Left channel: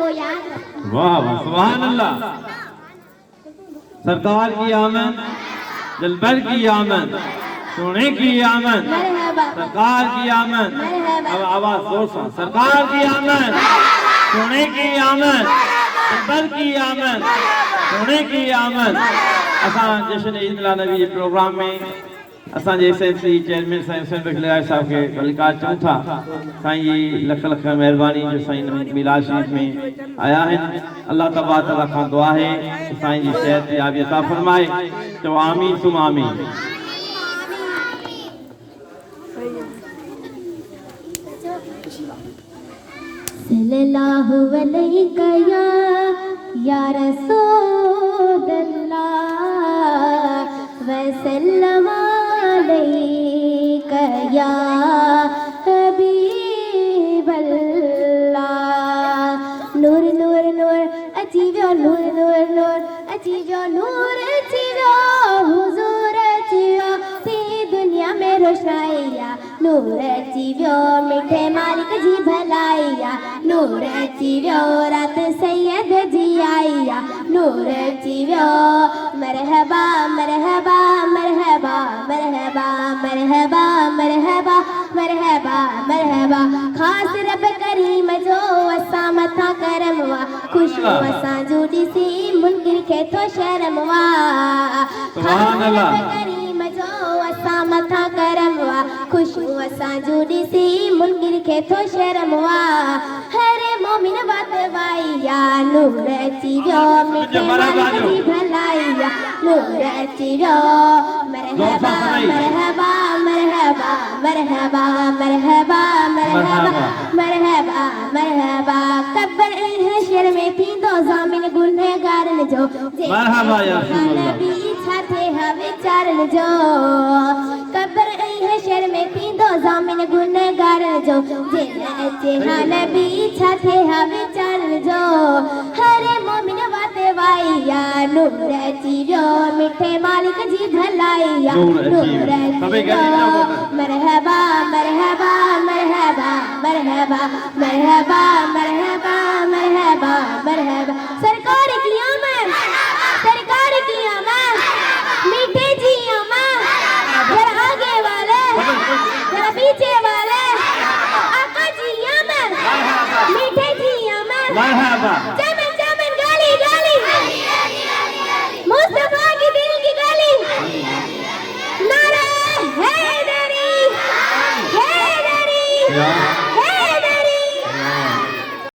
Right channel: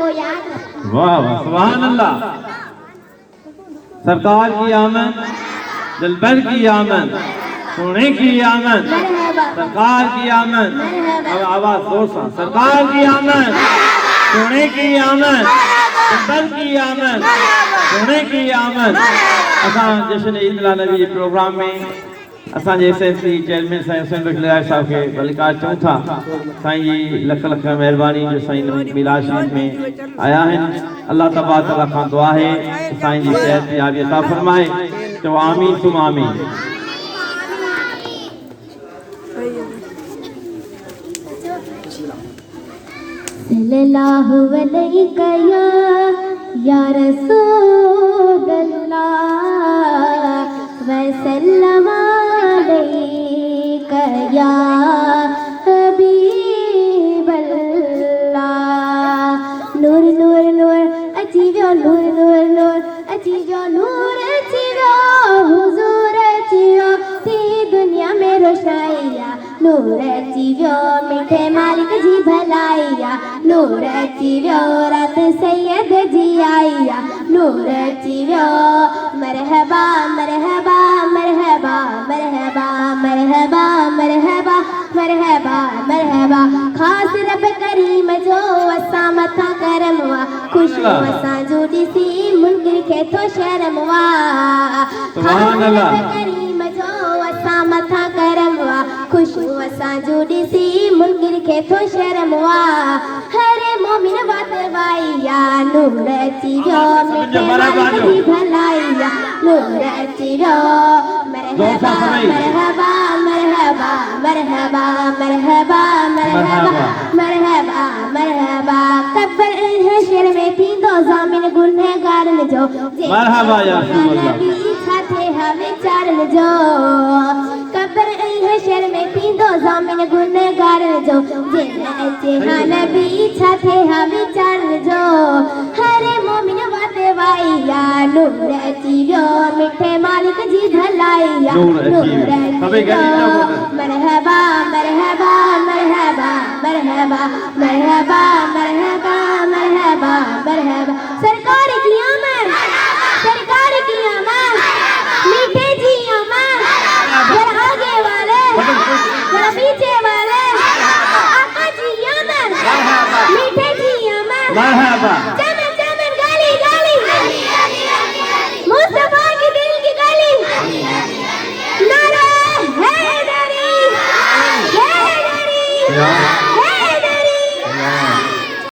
को याद रखना। वाह वाह सुभान अल्लाह। सरकार की आमद, दिलबर की आमद, सोने की आमद, सरकार की आमद। अब आवाज जोर सा, सरकार की आमद, सोने की आमद, दिलबर की आमद, सोने की आमद। असां जश्न ईद नबी प्रोग्राम में असांजे एसएससी चेयरमैन साईं हुसैन बखलियार साहब खे बलिकार चऊं था। साईं जी लख लख महिरबानी जो साईं मिलाद शरीफ में आया आहिनि। अल्लाह तबारक तआला खां दुआ है साईं जी सेहत याबी अता फरमाए। तो आमीन तुम आमीन। सल्लल्लाहु अलैहि या रसूलल्लाह वसल्लम अलैका या हबीबल्लाह। नूर नूर नूर अची वियो, नूर नूर नूर अची वियो, नूर अची वियो, हुजूर अची वियो, थी दुनिया में रोशनाइया। नूर अची वियो, मिठे मालिक जी भलाइया। नूर अची वियो, रात सैयद जी आइया। नूर अची वियो, मरहबा मरहबा मरहबा मरहबा मरहबा मरहबा मरहबा मरहबा। खास रब करीम जो असां मथा करमवा, खुशबू असां जो ॾिसी मुनकिर खे थो शर्मवा। खास रब करीम जो असां मथा करमवा, खुशबू असां जो ॾिसी मुनकिर खे थो शर्मवा। हर मोमिन बात वाइया, नूर अची वियो, मिठे मालिक जी भलाइया। नूर अची वियो, मरहबा मरहबा मरहबा मरहबा मरहबा मरहबा मरहबा मरहबा। कब्र हशर में थींदो ज़ामिन गुनहगारन जो, मरहबा या नबी छा थे विचारन जो। कब्र हशर में थींदो ज़ामिन गुनहगारन जो, अचे हाँ नबी छा थे विचारन जो। हर मोमिन बात वाइया, नूर अची वियो, मिठे मालिक जी भलाइया। नूर अची वियो, मरहबा मरहबा मरहबा मरहबा मरहबा मरहबा मरहबा मरहबा। सरकार की आमद, सरकार की आमद, मीठे जी आमद। जरा आगे वाले, जरा पीछे वाले, आका जी आमद, मीठे जी आमद। मरहबा चमन चमन गाली गाली, मुस्तफा की दिल की गाली। नारा हैदरी, हैदरी।